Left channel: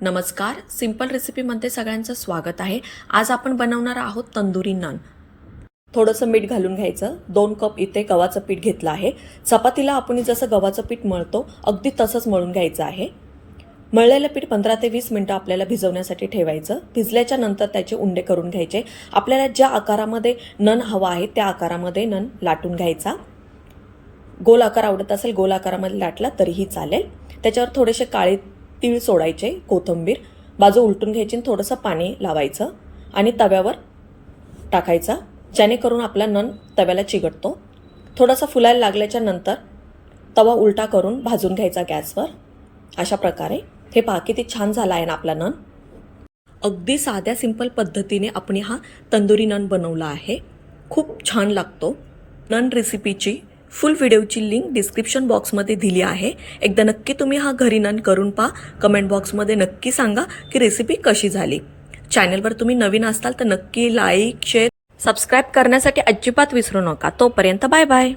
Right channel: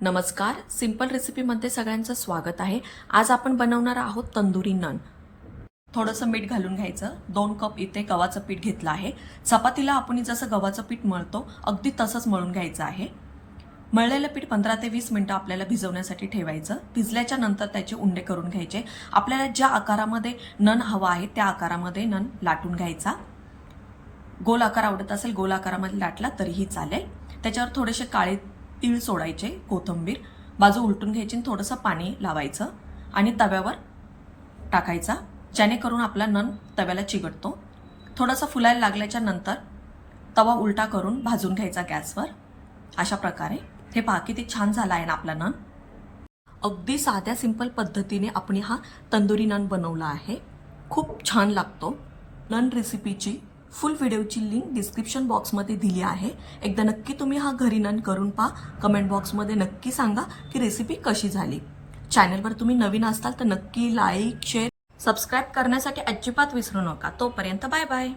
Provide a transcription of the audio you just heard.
नमस्कार, सिंपल रेसिपीमध्ये सगळ्यांचं स्वागत आहे। आज आपण बनवणार आहोत तंदुरी नान। थोडंसं मीठ घालून घ्यायचं। 2 कप इथे गव्हाचं पीठ घेतलं आहे। चपातीला आपण जसं गव्हाचं पीठ मळतो अगदी तसंच मळून घ्यायचं आहे। मळलेलं पीठ 15 ते 20 मिनिटं आपल्याला भिजवण्यासाठी ठेवायचं। भिजल्याच्या नंतर त्याचे उंडे करून घ्यायचे। आपल्याला ज्या आकारामध्ये नन हवा आहे त्या आकारामध्ये नन लाटून घ्यायचा। गोल आकार आवडत असेल गोल आकारामध्ये लाटला तरीही चालेल। त्याच्यावर थोडेसे काळे तीळ सोडायचे, कोथिंबीर बाजू उलटून घ्यायची, थोडंसं पाणी लावायचं आणि तव्यावर टाकायचा, जेणेकरून आपला नन तव्याला चिकटतो। थोडासा फुलायला लागल्याच्या नंतर तवा उलटा करून भाजून घ्यायचा गॅसवर। अशा प्रकारे हे पहा किती छान झाला आहे ना आपला नन। अगदी साध्या सिंपल पद्धतीने आपण हा तंदुरी नन बनवला आहे। खूप छान लागतो। नन रेसिपीची फुल व्हिडिओची लिंक डिस्क्रिप्शन बॉक्समध्ये दिली आहे। एकदा नक्की तुम्ही हा घरी नन करून पहा। कमेंट बॉक्समध्ये नक्की सांगा की रेसिपी कशी झाली। चॅनलवर तुम्ही नवीन असाल तर नक्की लाईक, शेअर, सबस्क्राइब करण्यासाठी अजिबात विसरू नका। तोपर्यंत बाय बाय।